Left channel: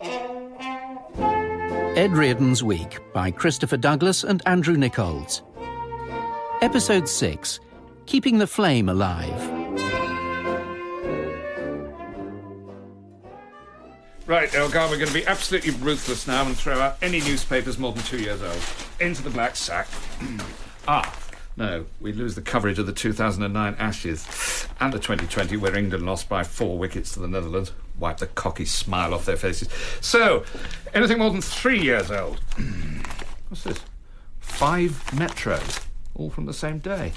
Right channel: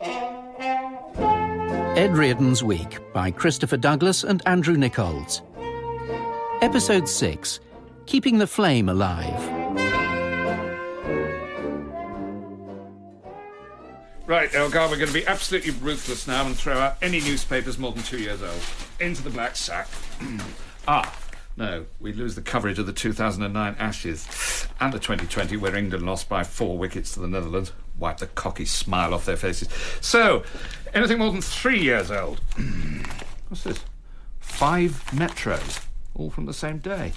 Ed Reardon's Week by Christopher Douglas and Andrew Nickolds. Episode 6, Keeping the Flame Alive. Right, Elgar, we're going to be absolutely ruthless now and throw out any newspapers more than 2 years old. Into the black sack. No, we lose the coverage of the 2009 Ashes and the 2020 where England lost by 4 wickets to the Netherlands. Wipe the cocky smile off their faces. So, anything more than 3 years old. What's this? 5 metros, all from the same day.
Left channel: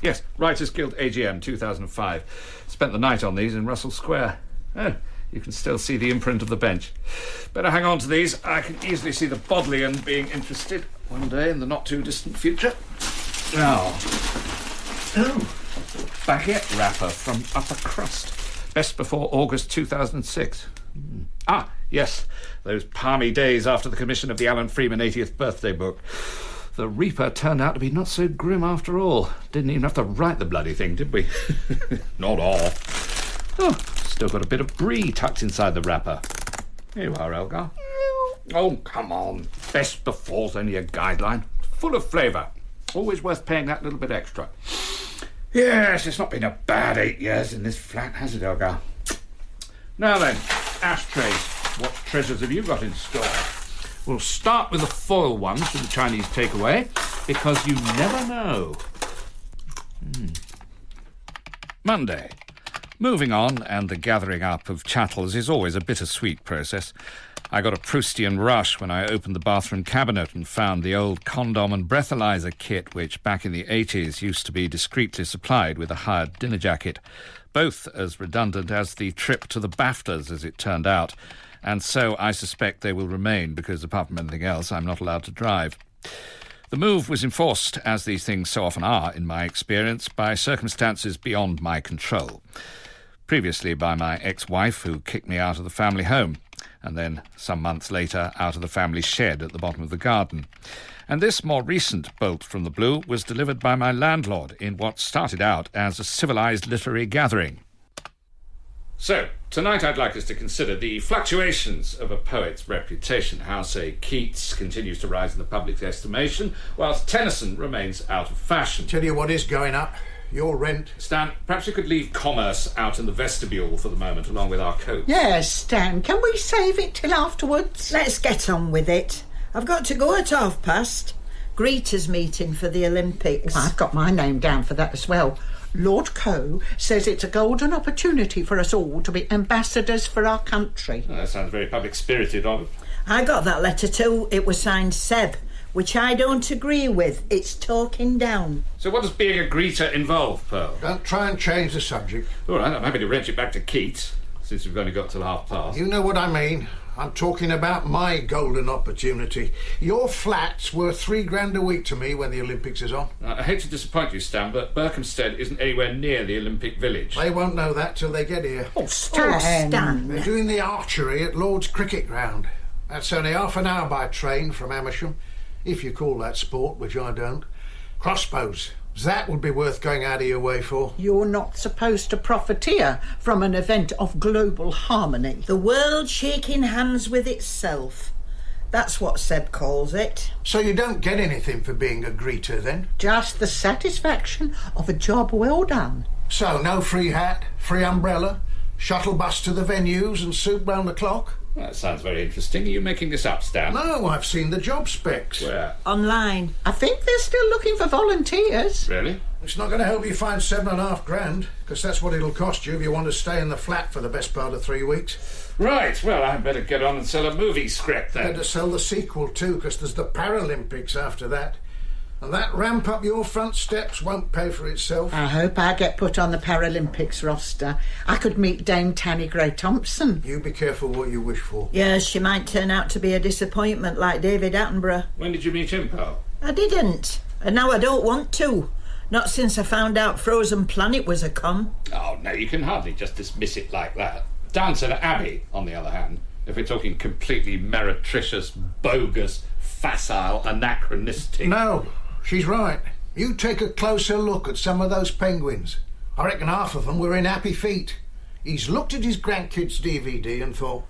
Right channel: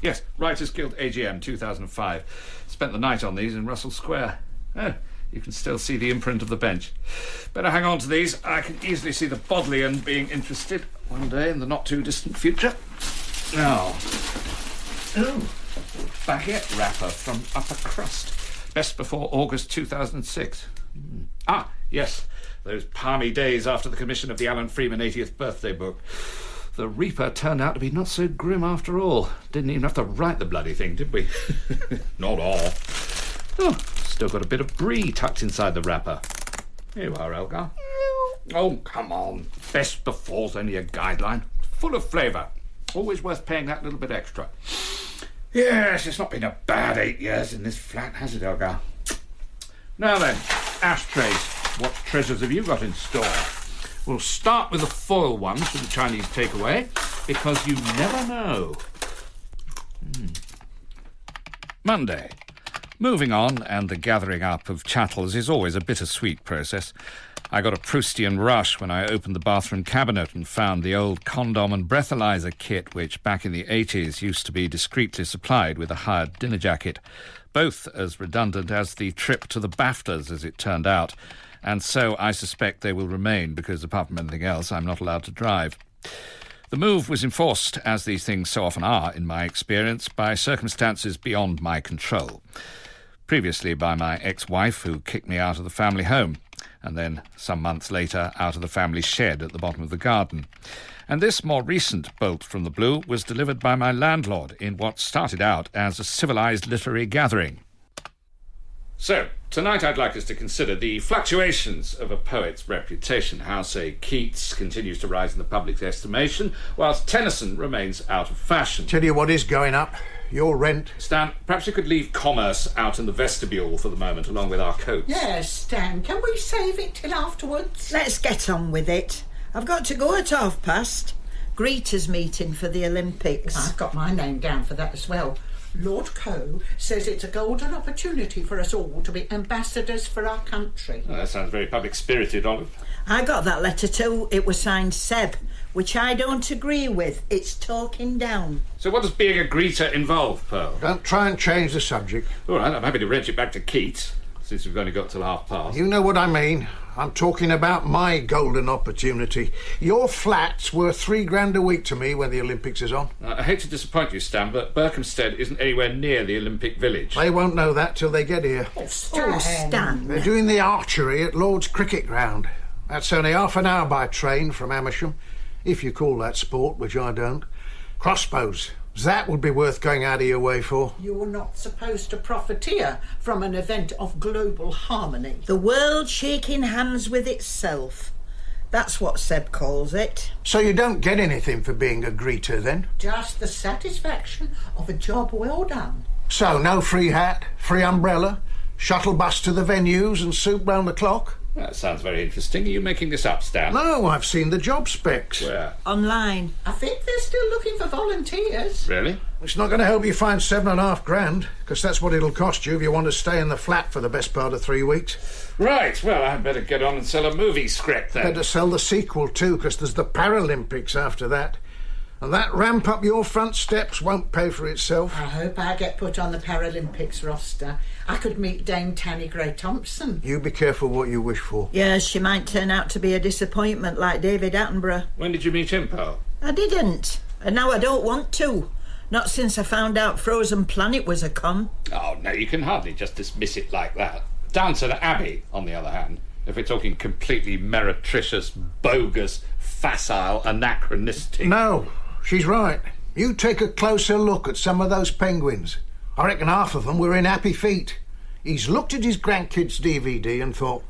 Yes, Writers Guild AGM 2005. Spent the night on these in Russell Square. Oh, you can still see the imprint of the bench. Better hang on to these. I can easily see the Bodleian being interested one day in the not-too-distant future. Baguette wrapper from Upper Crust. Best before August 2006. Yes, those palmy days after the commission of the Alan Freeman 80th birthday book. The Reaper turned out to be not so grim after all. Didn't even have to write the bloody thing, did we? Not all. Still got a bit of brie tucked inside the wrapper. Here you are, Elgar. Oh, come on. Best before's only a guideline. Full of flavour. Always worth paying that little bit extra. Yes, it's not been a bad 8 years in this flat, has it, Elgar? Now then, ashtrays. What treasures have you got in store? We'll start with the foil ones from the Chinese takeaway, because you never know. Monday. Moving on and the gathering up of chattels is always a bittersweet process. I got a Proustian rush when I opened the bathroom cabinet and found the old condom and breathalyzer kit, which back in the 80s used to be discreetly supplied with a hired dinner jacket. Both as redundant as the trip to the BAFTAs, as it turned out. And so I suspect they will remain, because apart from anything else, I'm not allowed to drive. The move was enforced, as these things so often are, in my experience, by circumstances beyond my control. Previously by my ex-wife, who kicked me out of the family home, and then, some months later, out of the family shed at the bottom of the garden. And this more recent bolt from the blue was delivered by my landlord in what started out as a civilised literary gathering. So, tonight I'd like us to consider the fluctuations of a poet's reputation, how, say, Keats continues to rise in the public's estimation, whilst Tennyson remains out of fashion. Tell you what is going up. Your rent. Stan, perhaps you could leave commerce out in the vestibule for the moment, along with our coats. Yes, Stan, can we save it till afterwards? Let's get on with it. I've got to go at past. Greeters meeting for the Olympics. I've got my name down for that as well. Lord Coe says it's a golden opportunity for us all to be ambassadors for our country. Oh, that sounds very public-spirited, Olive. I got that letter too. It was signed Seb, which I don't agree with. It's talking down. So what does being a greeter involve, Pearl? Don't try and change the subject. All right, I'm happy to wrench it back to Keats, since we've only got till past. You know what I mean. I'm talking about my golden opportunity. Your flat's worth $3,000 a week to me when the Olympics is on. I hate to disappoint you, Stan, but Berkhamsted isn't anywhere near the Olympic Village. They won't know that till they get here. Oh, Stan. They're doing the archery at Lord's Cricket Ground. That's only half an hour by train from Amersham, if you call that sport, which I don't. Crossbows. That would be worth going out of your way for. You're not supposed to profiteer from an event of global harmony. The world shaking hands with itself. That's what Seb calls it. So you don't get anything for being a greeter, then? Just the satisfaction of a job well done. So no free hat, free umbrella, shuttle bus to the venues and soup round the clock? That sounds very interesting. Are you making this up, Stan? No, I've seen the job specs. Where? Online. I think they're still looking for volunteers. Really? It's not going to help you find $7,500, because that's what it'll cost you if you want to stay in the flat for the best part of 3 weeks. Right, well, I'd better get on and sell a movie script then. Better sell the sequel too, because there's the Paralympics after that. And that ramp up your front steps won't pay for itself. I hope I get put on the Paralympics roster. I could meet Dame Tanny Gray-Thompson. You be careful what you wish for. Yes, she might turn out to be a disappointment like David Attenborough. When did you meet him, Pearl? I didn't. And now I don't want to. Not since I found out Frozen Planet was a con. Oh, no, you can hardly just dismiss it like that. Downton Abbey, on the other hand, if we're talking completely meretricious, bogus, facile, anachronistic... No, she's right. You take a closer look at some of those penguins. I reckon half of them were in happy feet. He's looked at his grandkids' DVD and thought,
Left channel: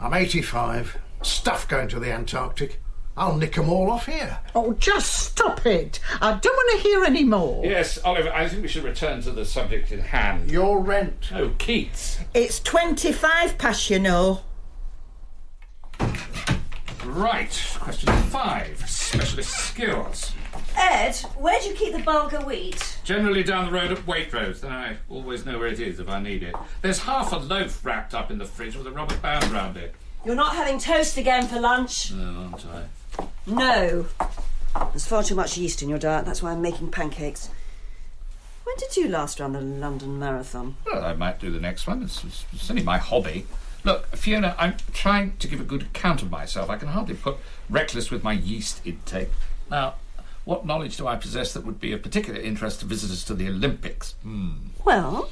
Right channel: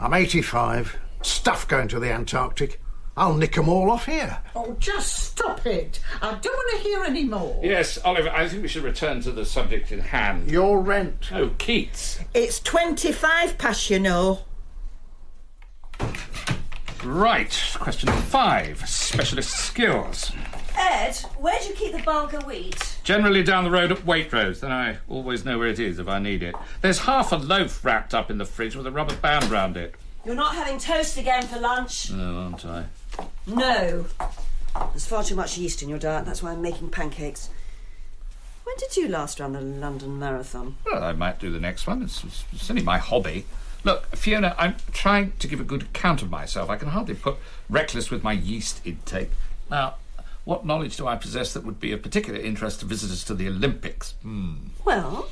I'm 85. Stuff going to the Antarctic. I'll nick 'em all off here. Oh, just stop it. I don't want to hear any more. Yes, Oliver, I think we should return to the subject in hand. Your rent. Oh, Keats. It's 25 past, you know. Right, question 5. Specialist skills. Ed, where do you keep the bulgur wheat? Generally down the road at Waitrose, then I always know where it is if I need it. There's half a loaf wrapped up in the fridge with a rubber band round it. You're not having toast again for lunch? No, aren't I? No. There's far too much yeast in your diet, that's why I'm making pancakes. When did you last run the London Marathon? Well, I might do the next one. It's only my hobby. Look, Fiona, I'm trying to give a good account of myself. I can hardly put reckless with my yeast intake. Now, what knowledge do I possess that would be of particular interest to visitors to the Olympics? Well,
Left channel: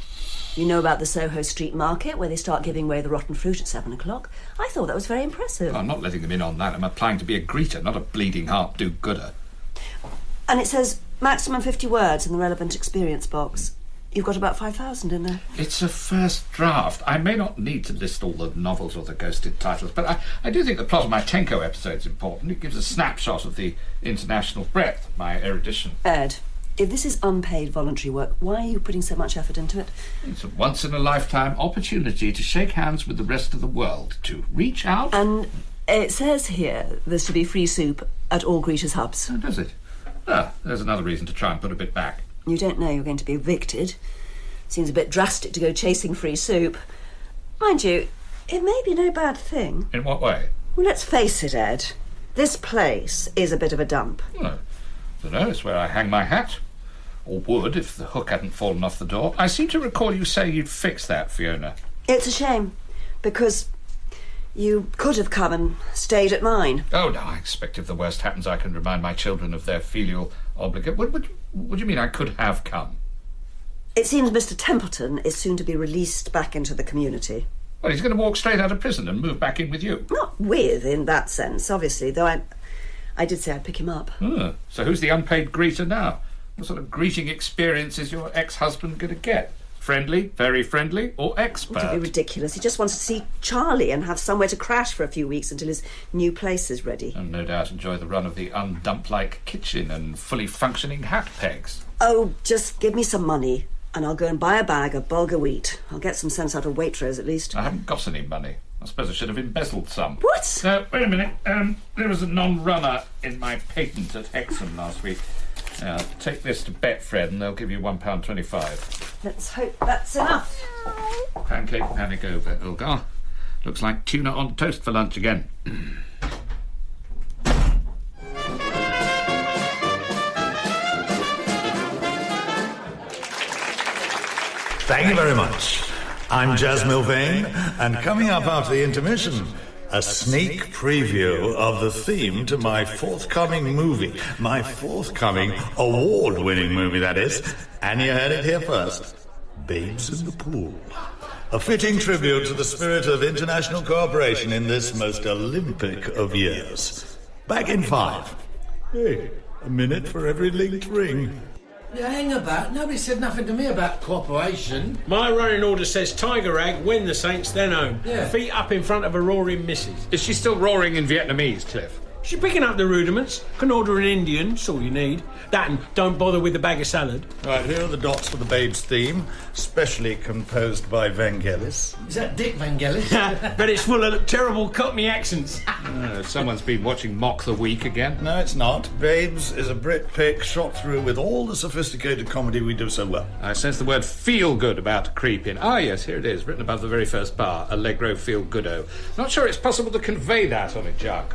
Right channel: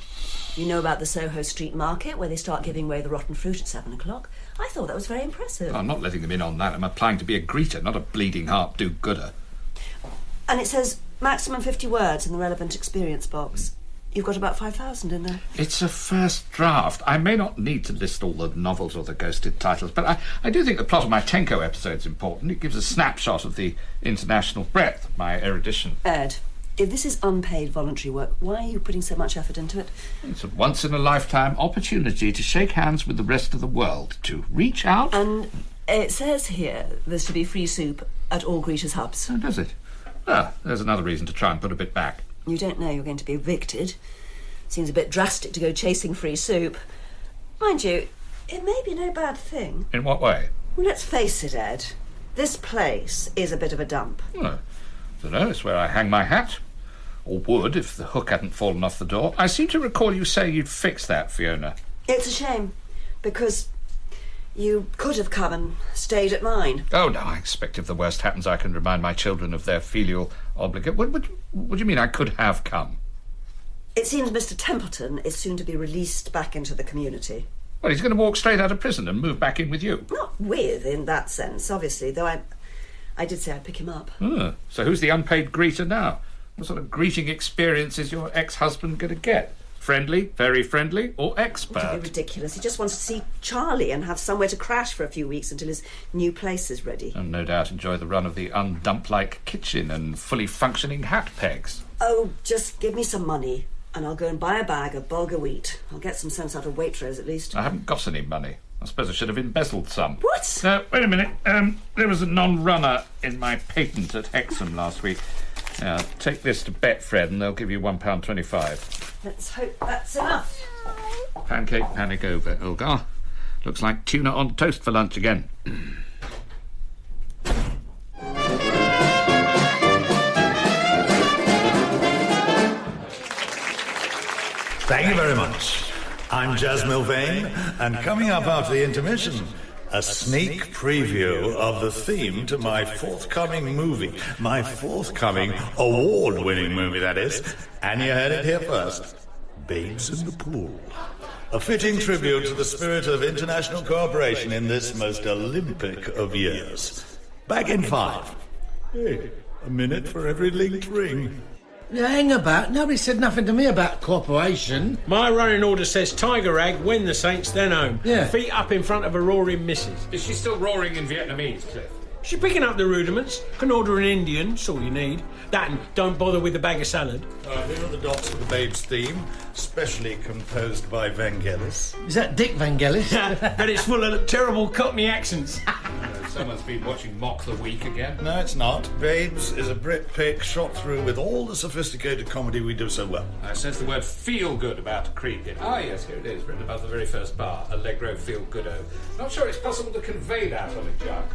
you know about the Soho Street Market, where they start giving away the rotten fruit at 7 o'clock. I thought that was very impressive. I'm not letting them in on that. I'm applying to be a greeter, not a bleeding heart do-gooder. And it says maximum 50 words in the relevant experience box. You've got about 5,000 in there. It's a first draft. I may not need to list all the novels or the ghosted titles, but I do think the plot of my Tenko episode's important. It gives a snapshot of the international breadth of my erudition. Ed, if this is unpaid voluntary work, why are you putting so much effort into it? It's a once-in-a-lifetime opportunity to shake hands with the rest of the world, to reach out... And it says here there's to be free soup at all greeters' hubs. Oh, does it? Ah, there's another reason to try and put a bit back. You don't know you're going to be evicted. Seems a bit drastic to go chasing free soup. Mind you, it may be no bad thing. In what way? Well, let's face it, Ed. This place is a bit of a dump. Well, I don't know. It's where I hang my hat. Or would, if the hook hadn't fallen off the door. I seem to recall you say you'd fix that, Fiona. It's a shame, because you could have come and stayed at mine. Oh, no, I expect if the worst happens, I can remind my children of their filial obligation. What do you mean I could have come? It seems Mr. Templeton is soon to be released back into the community. Well, he's going to walk straight out of prison and move back in with you. Not with, in that sense, obviously, though I did say I'd pick him up. So who's the unpaid greeter now? What sort of greeting experience is your ex-husband going to get? Friendly, very friendly, or expert? Don't be ridiculous. He just wants to see Charlie and have somewhere to crash for a few weeks until his new place is ready. And no doubt enjoy the run of the undump-like kitchen and fully functioning hat pegs. Oh, just give me some money and I'll go and buy a bag of bulgur wheat. I'll get some sense out of Waitrose, at least. I haven't got any money. I suppose I should have embezzled some. What? Wait a minute. There was a non-runner in my patent at Hexham last week. Take this to Betfred and they'll give you £1.25. Let's hope that's enough. Pancake panic over, Elgar. Looks like tuna on toast for lunch again. Thank you very much. I'm Jazz Milvain, and coming up after the intermission, a sneak preview of the theme to my forthcoming movie. My forthcoming award-winning movie, that is. And you heard it here first. Babes in the Pool. A fitting tribute to the spirit of international cooperation in this most Olympic of years. Back in 5. Hey, a minute for every linked ring. Yeah, hang about. Nobody said nothing to me about cooperation. My running order says Tiger Rag, win the Saints, then home. Yeah. Feet up in front of a roaring missus. Is she still roaring in Vietnamese, Cliff? She's picking up the rudiments. Can order an Indian, that's all you need. That and don't bother with the bag of salad. Right, here are the dots for the Babes theme, specially composed by Vangelis. Is that Dick Vangelis? But it's full of terrible Cockney accents. Someone's been watching Mock the Week again. No, it's not. Babes is a Brit pick shot through with all the sophisticated comedy we do so well. I sense the word feel-good about to creep in. Ah, yes, here it is, written above the very first bar. Allegro feel-goodo. Not sure it's possible to convey that on a jug.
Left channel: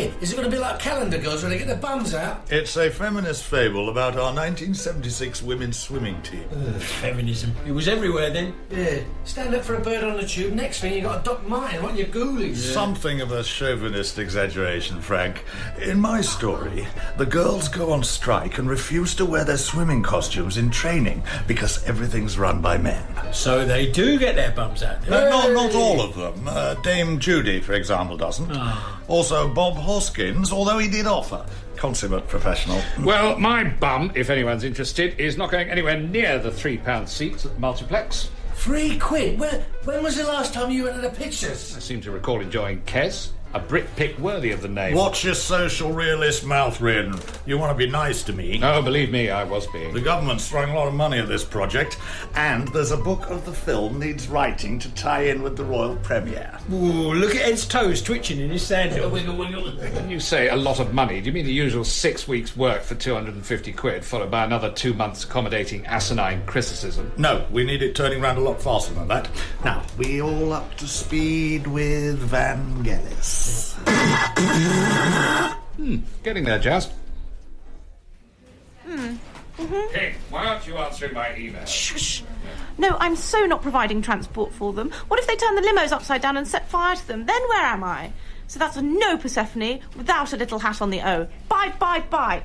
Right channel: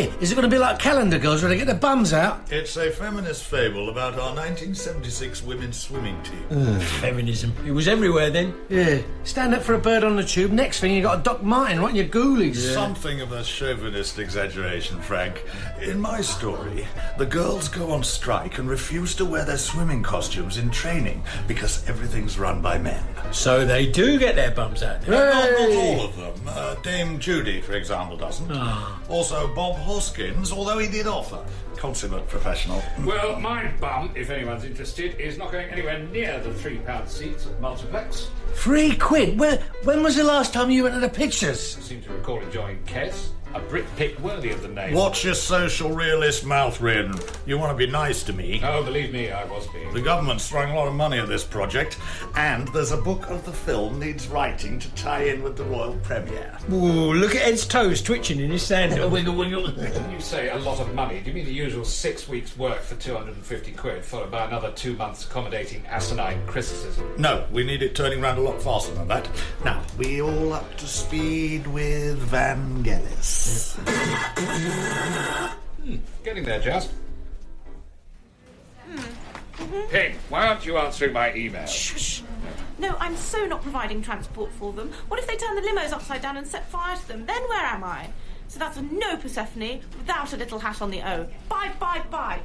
Hey, is it going to be like Calendar Girls where they get their bums out? It's a feminist fable about our 1976 women's swimming team. Feminism. It was everywhere then. Yeah. Stand up for a bird on the tube. Next thing you got a Doc Martin right in your ghoulies. Yeah. Something of a chauvinist exaggeration, Frank. In my story, the girls go on strike and refuse to wear their swimming costumes in training because everything's run by men. So they do get their bums out. No, not all of them. Dame Judy, for example, doesn't. Also, Bob Hoskins, although he did offer. Consummate professional. Well, my bum, if anyone's interested, is not going anywhere near the £3 seats at the multiplex. £3? When was the last time you went to the pictures? I seem to recall enjoying Kes, a Brit pick worthy of the name. Watch your social realist mouth, Reardon. You want to be nice to me. Oh, believe me, I was being. The government's throwing a lot of money at this project, and there's a book of the film needs writing to tie in with the royal premiere. Ooh, look at Ed's toes twitching in his sandal. When you say a lot of money, do you mean the usual 6 weeks' work for £250, followed by another 2 months accommodating asinine criticism? No, we need it turning round a lot faster than that. Now, we all up to speed with Vangelis. Getting there, Jazz. Hey, why aren't you answering my email? Shush. No, I'm so not providing transport for them. What if they turn the limos upside down and set fire to them? Then where am I? So that's a no Persephone without a little hat on the O. Bye, bye, bye.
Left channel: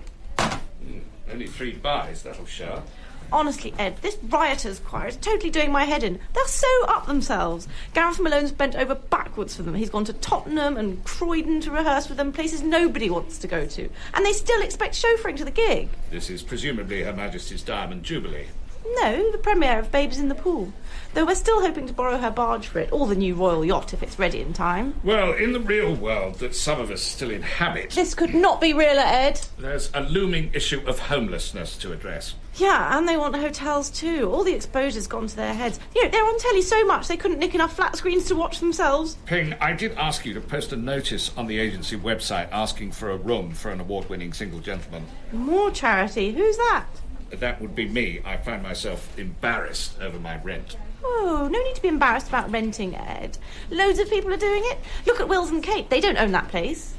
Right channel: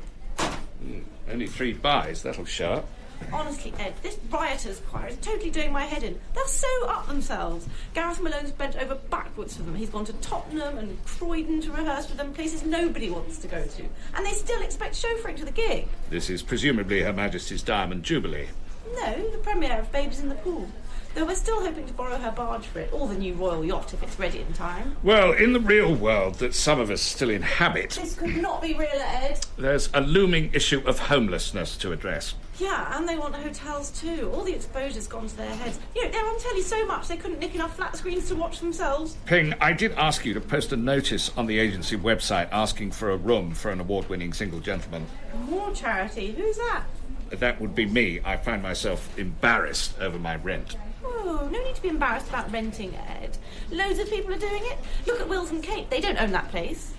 Only 3 buys, that'll show up. Honestly, Ed, this rioters choir is totally doing my head in. They're so up themselves. Gareth Malone's bent over backwards for them. He's gone to Tottenham and Croydon to rehearse with them, places nobody wants to go to. And they still expect chauffeuring to the gig. This is presumably Her Majesty's Diamond Jubilee. No, the premiere of Babes in the Pool. Though we're still hoping to borrow her barge for it, or the new royal yacht if it's ready in time. Well, in the real world that some of us still inhabit, This could not be realer, Ed. there's a looming issue of homelessness to address. Yeah, and they want hotels too. All the exposure's gone to their heads. You know, they're on telly so much they couldn't nick enough flat screens to watch themselves. Ping, I did ask you to post a notice on the agency website asking for a room for an award-winning single gentleman. More charity. Who's that? That would be me. I find myself embarrassed over my rent. Oh, no need to be embarrassed about renting, Ed. Loads of people are doing it. Look at Wills and Kate. They don't own that place.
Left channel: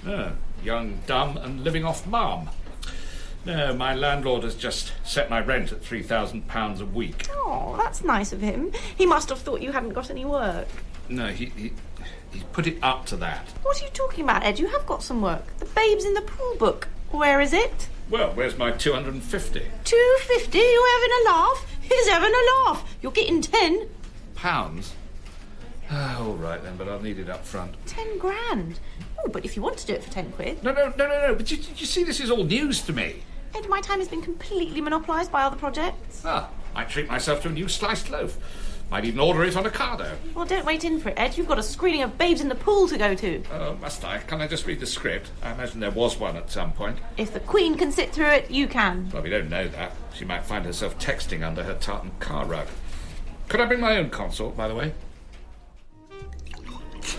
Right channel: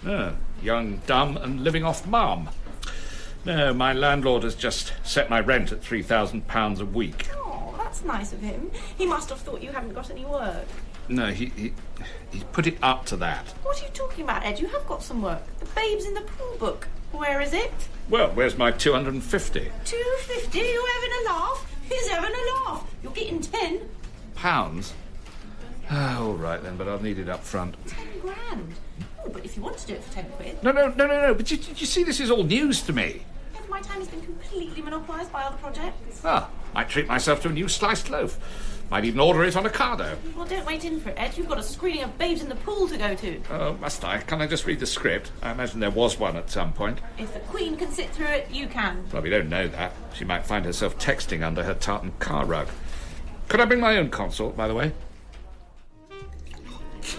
Young, dumb, and living off mum. No, my landlord has just set my rent at £3,000 a week. Oh, that's nice of him. He must have thought you hadn't got any work. No, he put it up to that. What are you talking about, Ed? You have got some work. The Babes in the Pool book. Where is it? Well, where's my 250? 250? You're having a laugh? He's having a laugh. You're getting 10. Pounds? All right then, but I'll need it up front. 10 grand. Oh, but if you want to do it for 10 quid. No. But you see, this is all news to me. Ed, my time has been completely monopolised by other projects. Might treat myself to a new sliced loaf. Might even order it on Ocado. Well, don't wait in for it, Ed. You've got a screening of Babes in the Pool to go to. Oh, must I? Can I just read the script? I imagine there was one at some point. If the Queen can sit through it, you can. Well, we don't know that. She might find herself texting under her tartan car rug. Could I bring my own consort, by the way?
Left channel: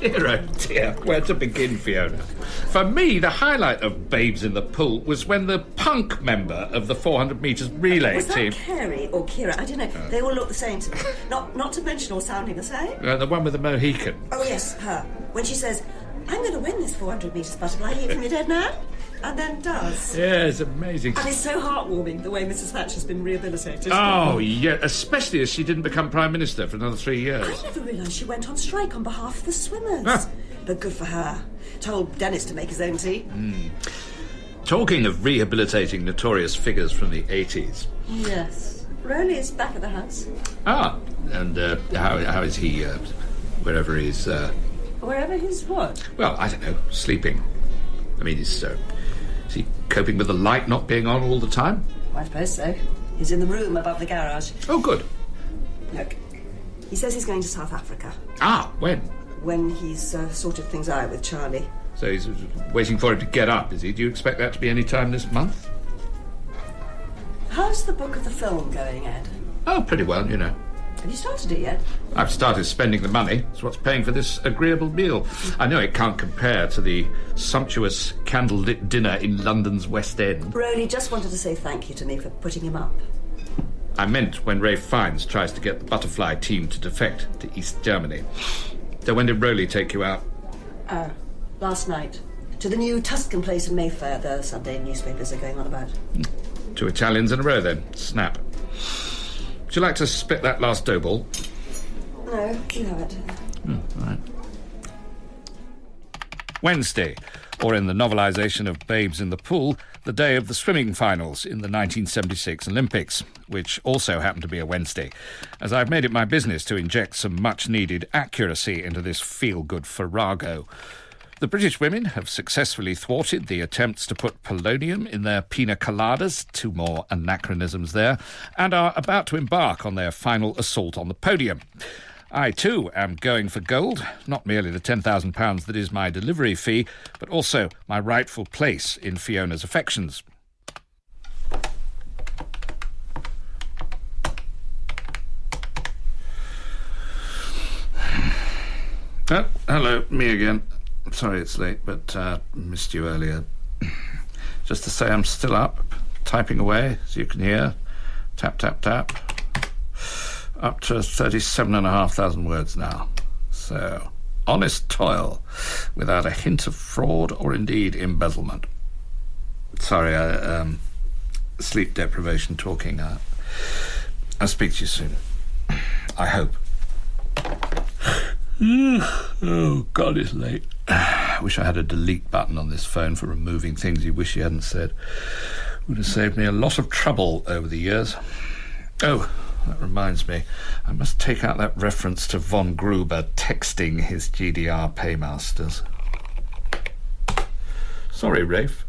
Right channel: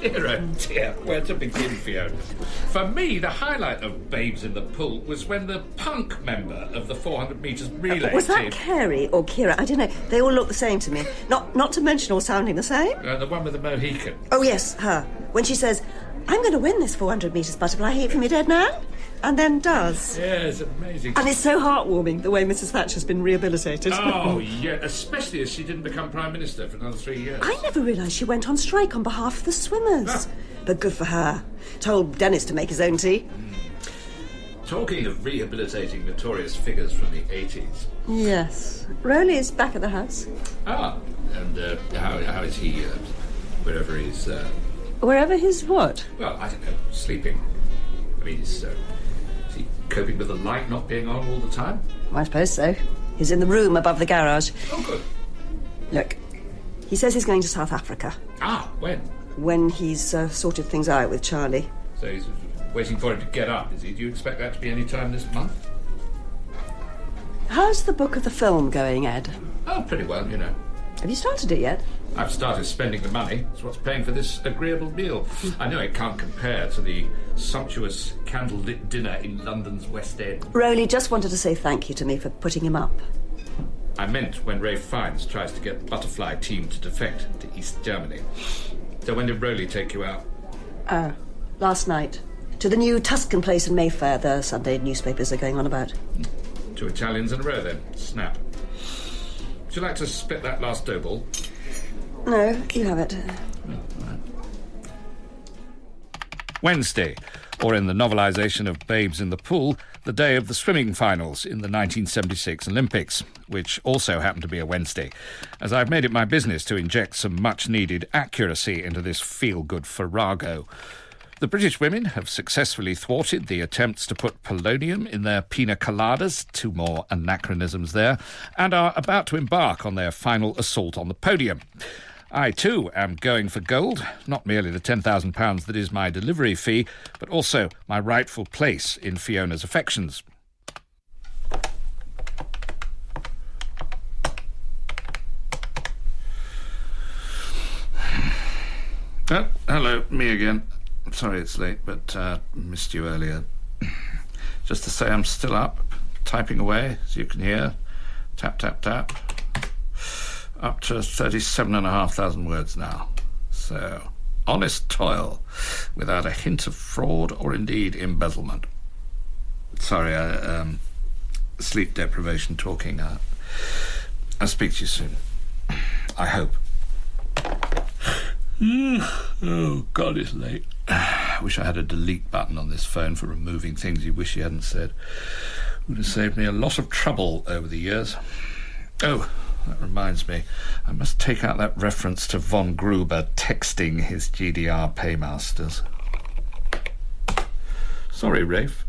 Dear, oh dear, where to begin, Fiona? For me, the highlight of Babes in the Pool was when the punk member of the 400 metres relay Was that team... Carrie or Kira? I don't know. They all look the same to me. Not to mention all sounding the same. The one with the Mohican. Oh, yes, her. When she says, I'm going to win this 400 metres butterfly heat from your dead man. And then does. Yeah, it's amazing. And it's so heartwarming, the way Mrs. Thatcher's been rehabilitated. Oh, yeah, especially as she didn't become Prime Minister for another 3 years. I never realised she went on strike on behalf of the swimmers. But good for her. Told Dennis to make his own tea. Talking of rehabilitating notorious figures from the 80s. Yes. Rowley's back at the house. And how is he, wherever he's... Wherever he's what? Well, I don't know, sleeping. I mean, is he coping with the light not being on all the time? I suppose so. He's in the room above the garage. Oh, good. Look, he says he's going to South Africa. When? When he's sorted things out with Charlie. So he's waiting for him to get up, is he? Do you expect that to be any time this month? How's the book of the film going, Ed? Oh, pretty well, you know. Have you started it yet? I've started spending the money. It's what's paying for this agreeable meal. I know it can't compare to the sumptuous candlelit dinner in London's West End. Rowley just wanted to say thank you to me for putting him up. I meant when Ray Fiennes tries to get the butterfly team to defect to East Germany. So when did Rowley take you out? Last night. To the new Tuscan place in Mayfair the Sunday newspapers are going on about. 2 Italians in a row, then. Snap. Would you like to split that last dough ball? No, you have it. All right. Wednesday, or in the novelisation of Babes in the Pool, the day of the swimming finals in the 1976 Olympics, which also happened to be a Wednesday, as I've made it my business to inject some much-needed accuracy into this feel-good farrago. The British women have successfully thwarted the attempts to put polonium in their pina coladas, 2 more anachronisms there, and are about to embark on their final assault on the podium. I, too, am going for gold, not merely the £10,000 that is my delivery fee, but also my rightful place in Fiona's affections. Oh, hello, me again. Sorry it's late, but missed you earlier. Just to say I'm still up, typing away, as you can hear. Tap, tap, tap. Up to 37,500 words now. So, honest toil, without a hint of fraud or indeed embezzlement. Sorry, sleep deprivation talking. I'll speak to you soon. I hope. Oh, God, it's late. I wish I had a delete button on this phone for removing things you wish you hadn't said. Would have saved me a lot of trouble over the years. Oh, that reminds me. I must take out that reference to von Gruber texting his GDR paymasters. Sorry, Rafe.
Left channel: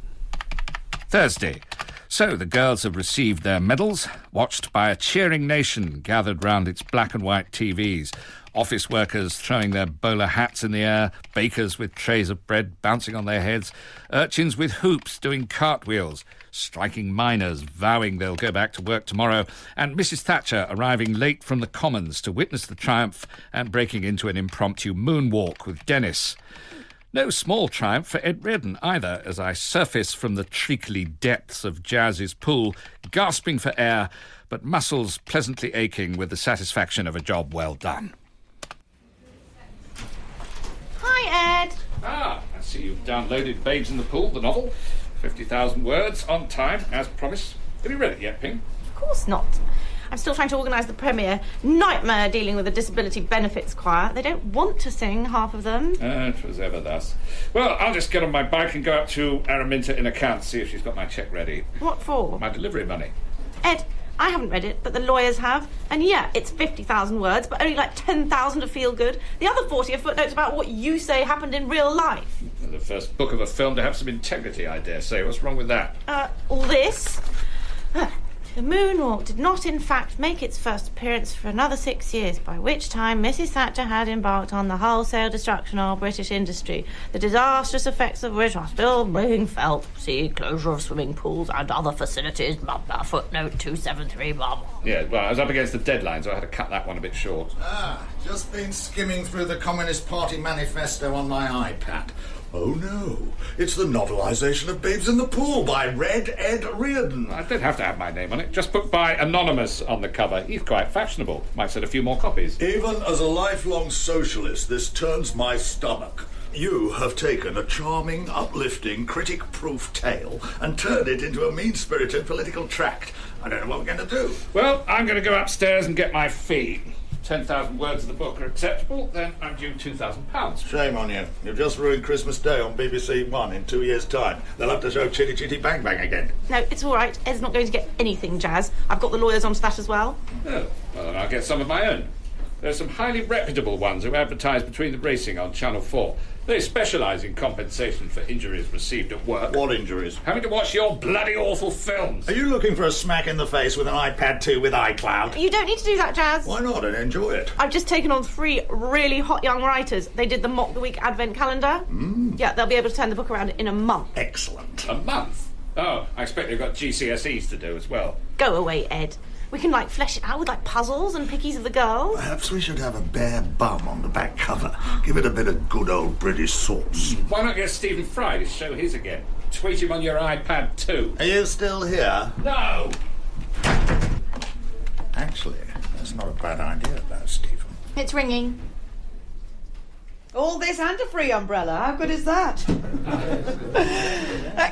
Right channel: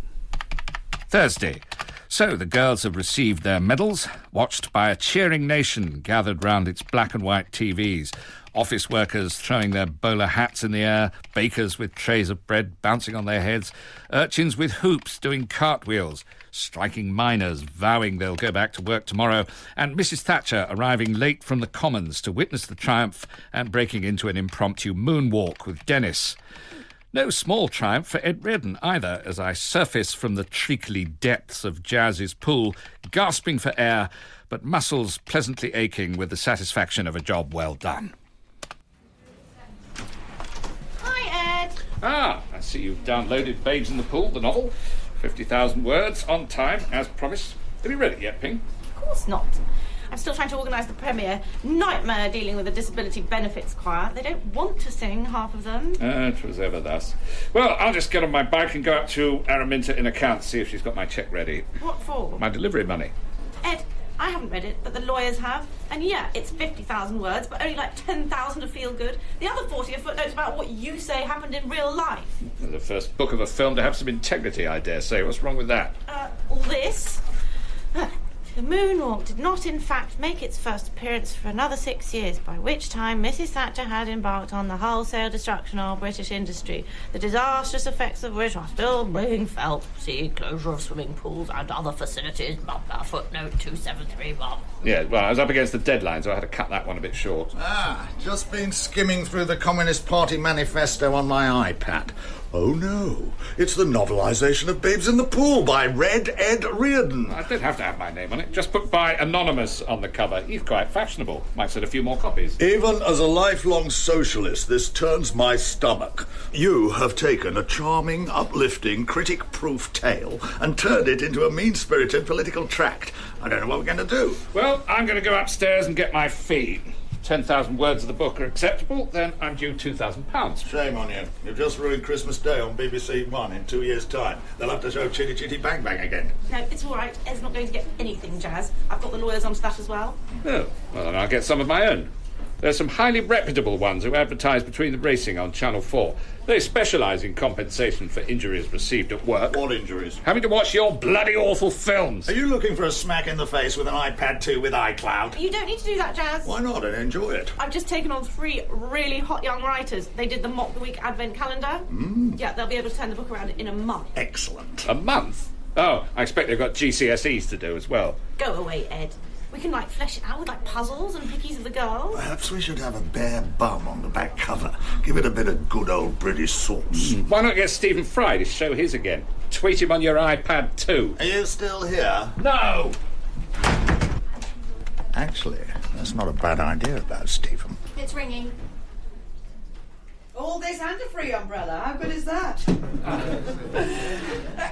Thursday. So the girls have received their medals, watched by a cheering nation gathered round its black and white TVs. Office workers throwing their bowler hats in the air, bakers with trays of bread bouncing on their heads, urchins with hoops doing cartwheels, striking miners vowing they'll go back to work tomorrow, and Mrs. Thatcher arriving late from the Commons to witness the triumph and breaking into an impromptu moonwalk with Dennis. No small triumph for Ed Reardon either, as I surface from the treacly depths of Jazz's pool, gasping for air, but muscles pleasantly aching with the satisfaction of a job well done. Hi, Ed. I see you've downloaded Babes in the Pool, the novel. 50,000 words, on time, as promised. Have you read it yet, Ping? Of course not. I'm still trying to organise the premiere. Nightmare dealing with the disability benefits choir. They don't want to sing, half of them. It was ever thus. Well, I'll just get on my bike and go up to Araminta in accounts, see if she's got my cheque ready. What for? My delivery money. Ed, I haven't read it, but the lawyers have. And yeah, it's 50,000 words, but only like 10,000 to feel good. The other 40 are footnotes about what you say happened in real life. The first book of a film to have some integrity, I dare say. What's wrong with that? All this? The moonwalk did not, in fact, make its first appearance for another 6 years, by which time Mrs. Thatcher had embarked on the wholesale destruction of British industry, the disastrous effects of which are still being felt. See, closure of swimming pools and other facilities, blah, blah, footnote 273, blah. Yeah, well, I was up against the deadline, so I had to cut that one a bit short. Just been skimming through the Communist Party manifesto on my iPad. Oh, no. It's the novelisation of Babes in the Pool by Red Ed Reardon. I don't have to have my name on it. Just put by Anonymous on the cover. He's quite fashionable. Might sell a few more copies. Even as a lifelong socialist, this turns my stomach. You have taken a charming, uplifting, critic-proof tale and turned it into a mean-spirited political tract. I don't know what we're going to do. Well, I'm going to go upstairs and get my fee. 10,000 words of the book are acceptable, then I'm due £2,000. Shame on you. You've just ruined Christmas Day on BBC One in 2 years' time. They'll have to show Chitty Chitty Bang Bang again. No, it's all right. Ed's not going to get anything, Jazz. I've got the lawyers onto that as well. Oh, well, then I'll get some of my own. There's some highly reputable ones who advertise between the racing on Channel 4. They specialise in compensation for injuries received at work. What injuries? Having to watch your bloody awful films. Are you looking for a smack in the face with an iPad 2 with iCloud? You don't need to do that, Jazz. Why not? And enjoy it. I've just taken on 3 really hot young writers. They did the Mock the Week Advent calendar. Yeah, they'll be able to turn the book around in a month. Excellent. A month? Oh, I expect they've got GCSEs to do as well. Go away, Ed. We can, flesh it out with, puzzles and pickies of the girls. Perhaps we should have a bare bum on the back cover. Give it a bit of good old British sauce. Why not get Stephen Fry to show his again? Tweet him on your iPad too. Are you still here? No! Actually, that's not a bad idea about Stephen. It's ringing. All this and a free umbrella. How good is that?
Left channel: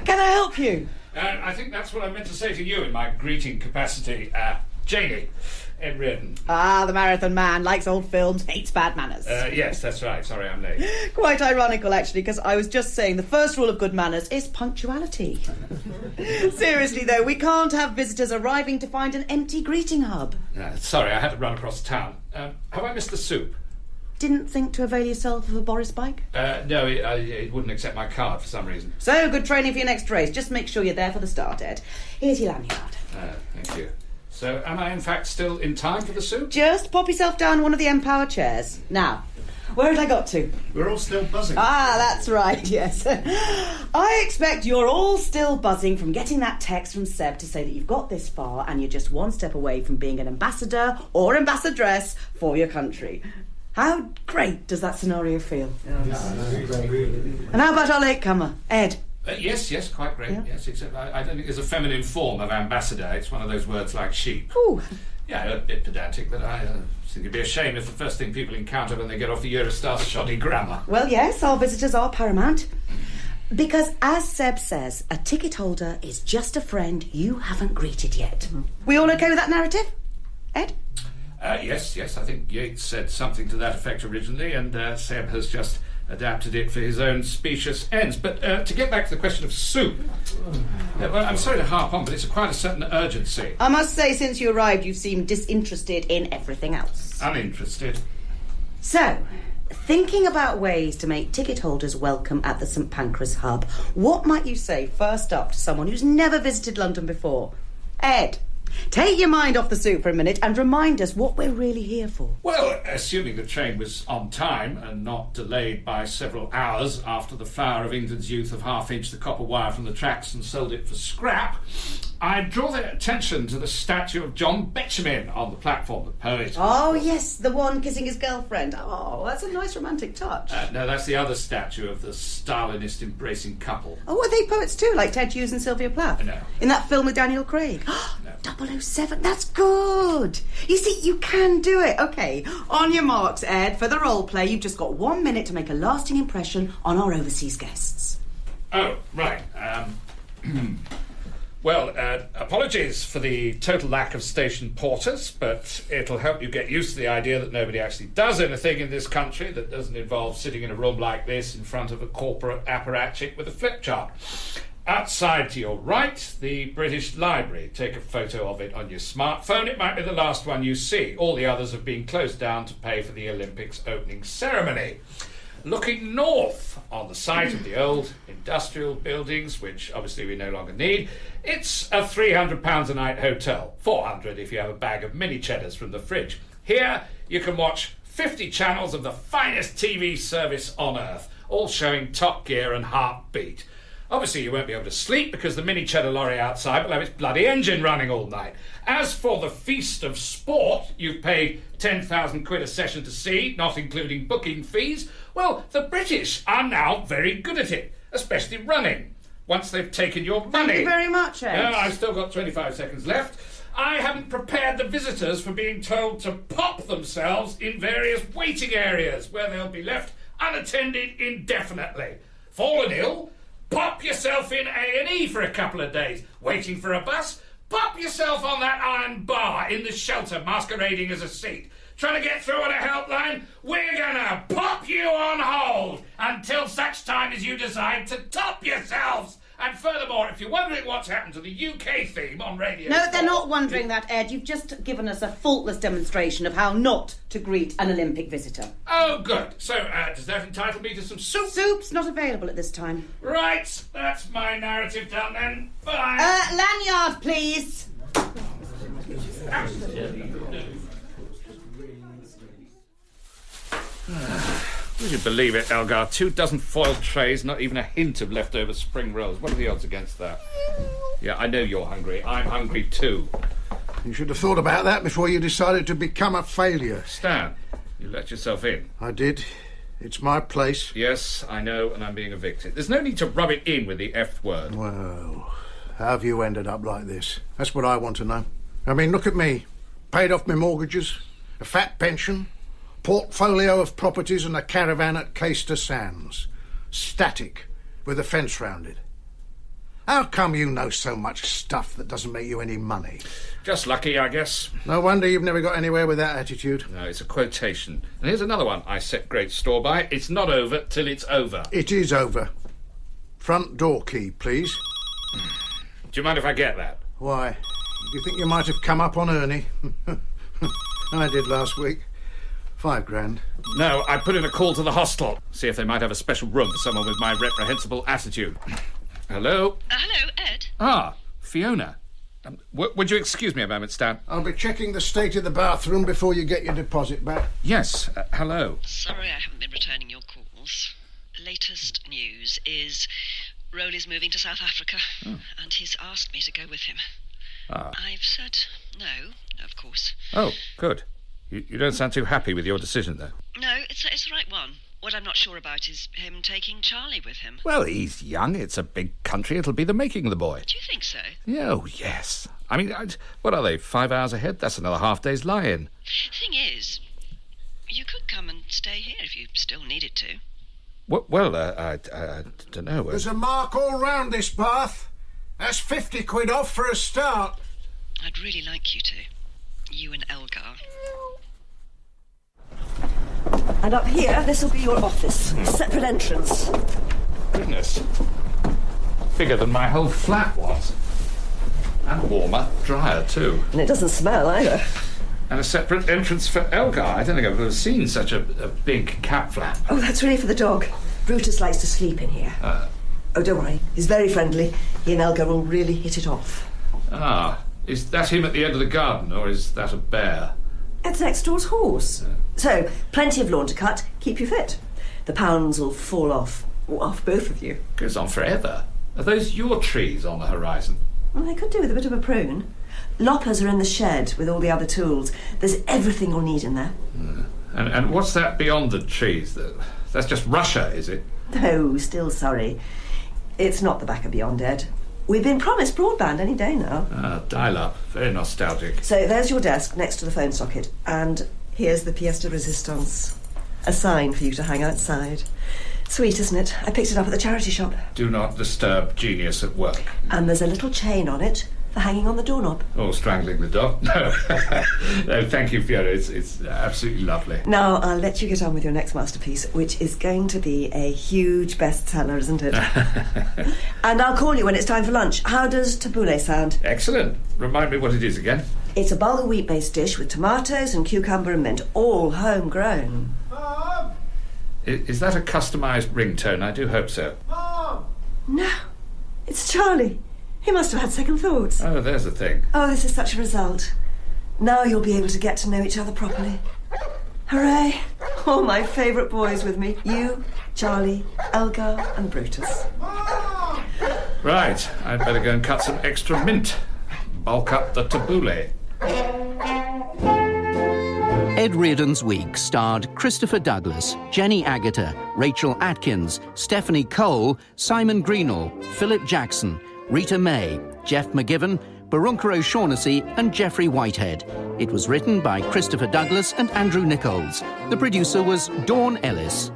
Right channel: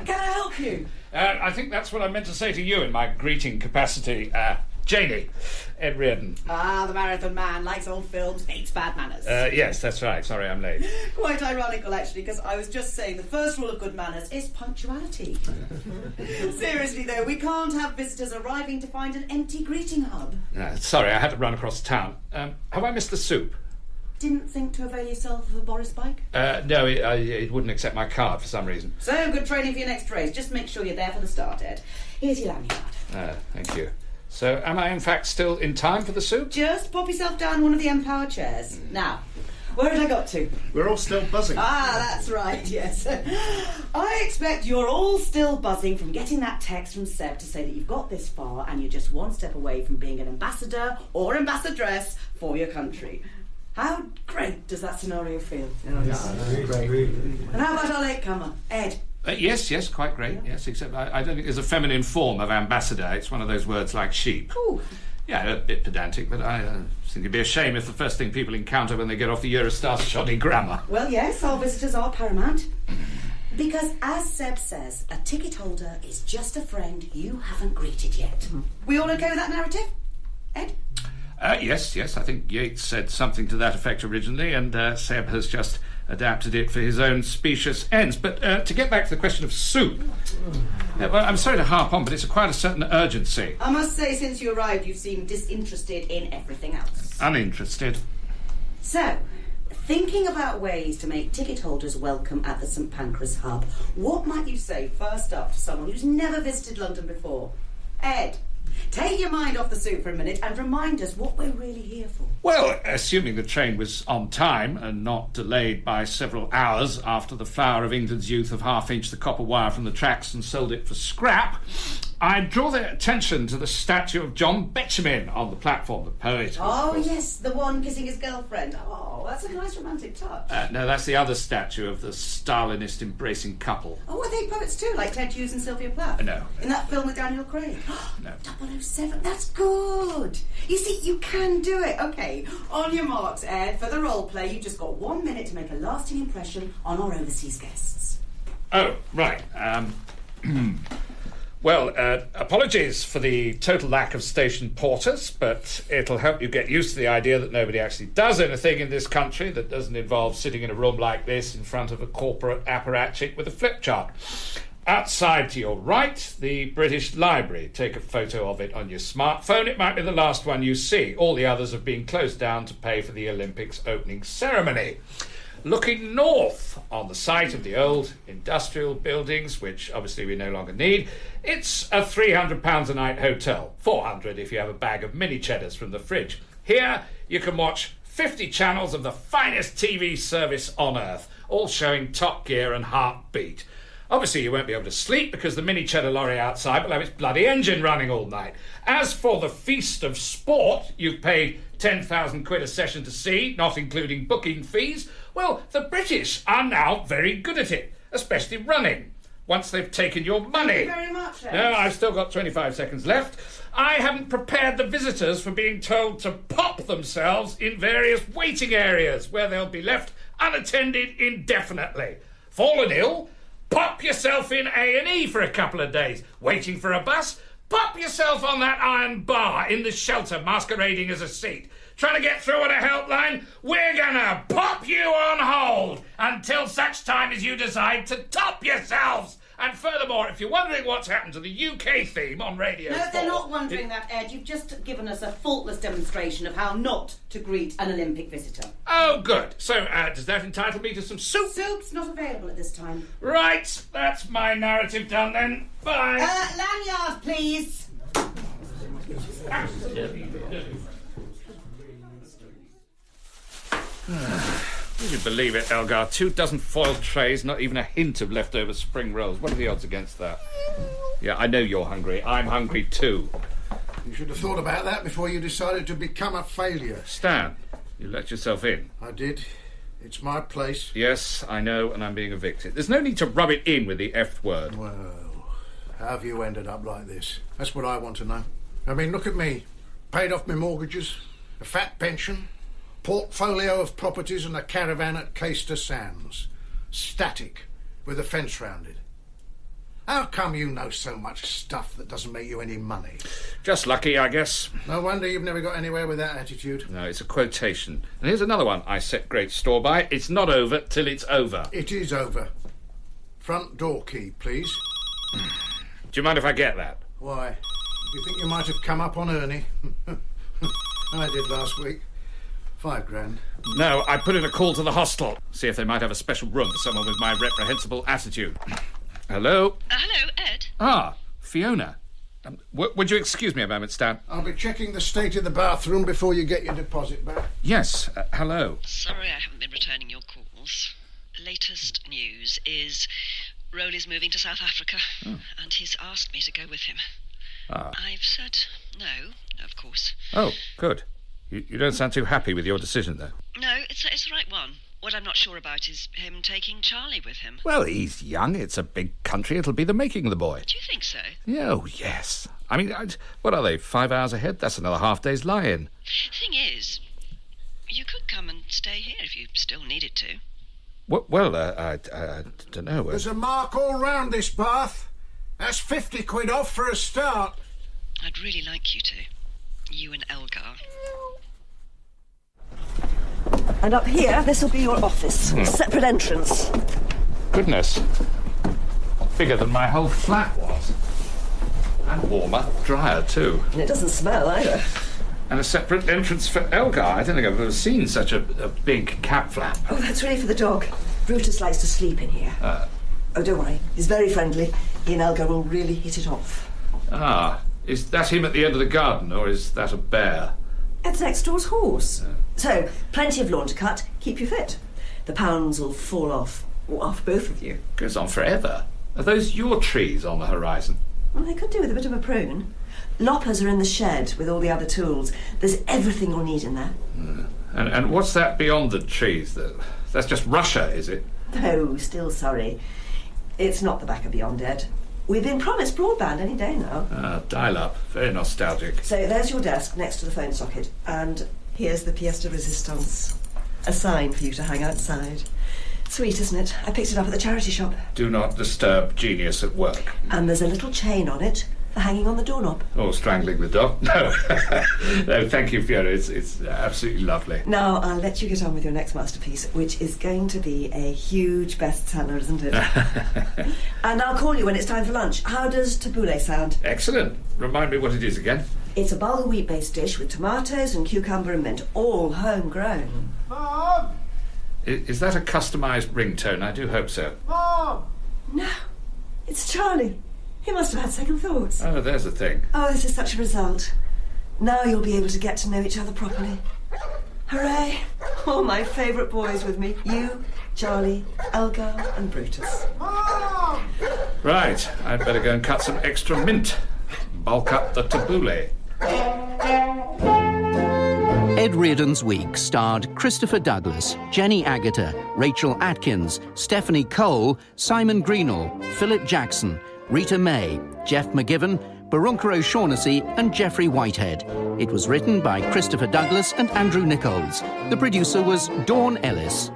Can I help you? I think that's what I meant to say to you in my greeting capacity. Janie, Ed Reardon. The marathon man, likes old films, hates bad manners. Yes, that's right. Sorry, I'm late. Quite ironical, actually, because I was just saying the first rule of good manners is punctuality. Seriously, though, we can't have visitors arriving to find an empty greeting hub. Sorry, I had to run across town. Have I missed the soup? didn't think to avail yourself of a Boris bike? No, it wouldn't accept my card for some reason. So, good training for your next race. Just make sure you're there for the start, Ed. Here's your lanyard. Thank you. So, am I in fact still in time for the soup? Just pop yourself down one of the Empower chairs. Now, where had I got to? We're all still buzzing. Ah, that's right, yes. I expect you're all still buzzing from getting that text from Seb to say that you've got this far and you're just one step away from being an ambassador or ambassadress for your country. How great does that scenario feel? Great. And how about our latecomer, Ed? Yes, quite great. Yeah. Yes, except I don't think there's a feminine form of ambassador. It's one of those words like sheep. Ooh. Yeah, a bit pedantic, but I think it'd be a shame if the first thing people encounter when they get off the Eurostar's shoddy grammar. Well, yes, our visitors are paramount. Because, as Seb says, a ticket holder is just a friend you haven't greeted yet. We all okay with that narrative? Ed? Yes, I think Yeats said something to that effect originally, and Seb has just adapted it for his own specious ends. But to get back to the question of soup, well, I'm sorry to harp on, but it's quite a certain urgency. I must say, since you arrived, you seem disinterested in everything else. Uninterested. So, thinking about ways to make ticket holders welcome at the St Pancras hub, what might you say first up to someone who's never visited London before? Ed, take your mind off the soup for a minute and remind us what we're really here for. Well, assuming the train was on time and not delayed by several hours after the flower of England's youth have half-inched the copper wire from the tracks and sold it for scrap, I'd draw their attention to the statue of John Betjeman on the platform, the poet. Oh, yes, the one kissing his girlfriend. Oh, that's a nice romantic touch. No, that's the other statue of the Stalinist embracing couple. Oh, are they poets too, like Ted Hughes and Sylvia Plath? No. In that film with Daniel Craig? No. 007, that's good. You see, you can do it. OK, on your marks, Ed, for the role play, you've just got 1 minute to make a lasting impression on our overseas guests. Oh, right. Well, apologies for the total lack of station porters, but it'll help you get used to the idea that nobody actually does anything in this country that doesn't involve sitting in a room like this in front of a corporate apparatchik with a flip chart. Outside to your right, the British Library. Take a photo of it on your smartphone. It might be the last one you see. All the others have been closed down to pay for the Olympics opening ceremony. Looking north, on the site of the old industrial buildings, which obviously we no longer need, it's a £300 a night hotel. 400 if you have a bag of mini cheddars from the fridge. Here, you can watch 50 channels of the finest TV service on earth, all showing Top Gear and Heartbeat. Obviously, you won't be able to sleep because the mini cheddar lorry outside will have its bloody engine running all night. As for the feast of sport, you've paid 10,000 quid a session to see, not including booking fees. Well, the British are now very good at it, especially running, once they've taken your money. Thank you very much, Ed. No, I've still got 25 seconds left. I haven't prepared the visitors for being told to pop themselves in various waiting areas where they'll be left unattended indefinitely. Fallen ill? Pop yourself in A&E for a couple of days. Waiting for a bus? Pop yourself on that iron bar in the shelter masquerading as a seat. Trying to get through on a helpline? We're gonna pop you on hold until such time as you decide to top yourselves. And furthermore, if you're wondering what's happened to the UK theme on Radio No, 4... they're not wondering that, Ed. You've just given us a faultless demonstration of how not to greet an Olympic visitor. Oh, good. So, does that entitle me to some soup? Soup's not available at this time. Right, that's my narrative done then. Bye. Lanyard, please. Would you believe it, Elgar? 2 dozen foiled trays, not even a hint of leftover spring rolls. What are the odds against that? Yeah, I know you're hungry. I'm hungry too. You should have thought about that before you decided to become a failure. Stan, you let yourself in. I did. It's my place. Yes, I know, and I'm being evicted. There's no need to rub it in with the F word. Well, how have you ended up like this? That's what I want to know. I mean, look at me. Paid off my mortgages, a fat pension, portfolio of properties and a caravan at Caister Sands. Static, with a fence round it. How come you know so much stuff that doesn't make you any money? Just lucky, I guess. No wonder you've never got anywhere with that attitude. No, it's a quotation. And here's another one I set great store by. It's not over till it's over. It is over. Front door key, please. Do you mind if I get that? Why? Do you think you might have come up on Ernie? I did last week. 5 grand. No, I put in a call to the hostel. See if they might have a special room for someone with my reprehensible attitude. Hello? Hello, Ed. Ah, Fiona. Would you excuse me a moment, Stan? I'll be checking the state of the bathroom before you get your deposit back. Yes, hello. Sorry I haven't been returning your calls. Latest news is Rowley's moving to South Africa, and he's asked me to go with him. I've said no, of course. Oh, good. You don't sound too happy with your decision, though. No, it's the right one. What I'm not sure about is him taking Charlie with him. Well, he's young. It's a big country. It'll be the making of the boy. Do you think so? Oh, yes. I mean, what are they, 5 hours ahead? That's another half-day's lie-in. Thing is, you could come and stay here if you still needed to. Well, I don't know. There's a mark all round this bath. That's 50 quid off for a start. I'd really like you to. You and Elgar. And up here, this will be your office. Separate entrance. Goodness. Bigger than my whole flat was. And warmer. Drier, too. And it doesn't smell either. And a separate entrance for Elgar. I don't think I've ever seen such a big cat flap. Oh, that's really for the dog. Brutus likes to sleep in here. Oh, don't worry. He's very friendly. He and Elgar will really hit it off. Ah, is that him at the end of the garden, or is that a bear? It's next door's horse. So, plenty of lawn to cut. Keep you fit. The pounds will fall off both of you. Goes on forever. Are those your trees on the horizon? Well, they could do with a bit of a prune. Loppers are in the shed with all the other tools. There's everything you'll need in there. And what's that beyond the trees? That's just Russia, is it? No, still sorry. It's not the back of beyond, Ed. We've been promised broadband any day now. Dial-up. Very nostalgic. So there's your desk next to the phone socket. And here's the pièce de résistance. A sign for you to hang outside. Sweet, isn't it? I picked it up at the charity shop. Do not disturb genius at work. And there's a little chain on it for hanging on the doorknob. Or strangling the dog. No. No, thank you, Fiona. It's absolutely lovely. Now, I'll let you get on with your next masterpiece, which is going to be a huge bestseller, isn't it? And I'll call you when it's time for lunch. How does tabbouleh sound? Excellent. Remind me what it is again. It's a bulgur wheat-based dish with tomatoes and cucumber and mint, all homegrown. Mom! Is that a customised ringtone? I do hope so. Mom! No, it's Charlie. He must have had second thoughts. Oh, there's the thing. Oh, this is such a result. Now you'll be able to get to know each other properly. Hooray! All my favourite boys with me. You, Charlie, Elgar and Brutus. Mom! Right, I'd better go and cut some extra mint. Bulk up the tabbouleh. Ed Reardon's Week starred Christopher Douglas, Jenny Agutter, Rachel Atkins, Stephanie Cole, Simon Greenall, Philip Jackson, Rita May, Geoff McGivern, Barunka O'Shaughnessy and Geoffrey Whitehead. It was written by Christopher Douglas and Andrew Nickolds. The producer was Dawn Ellis.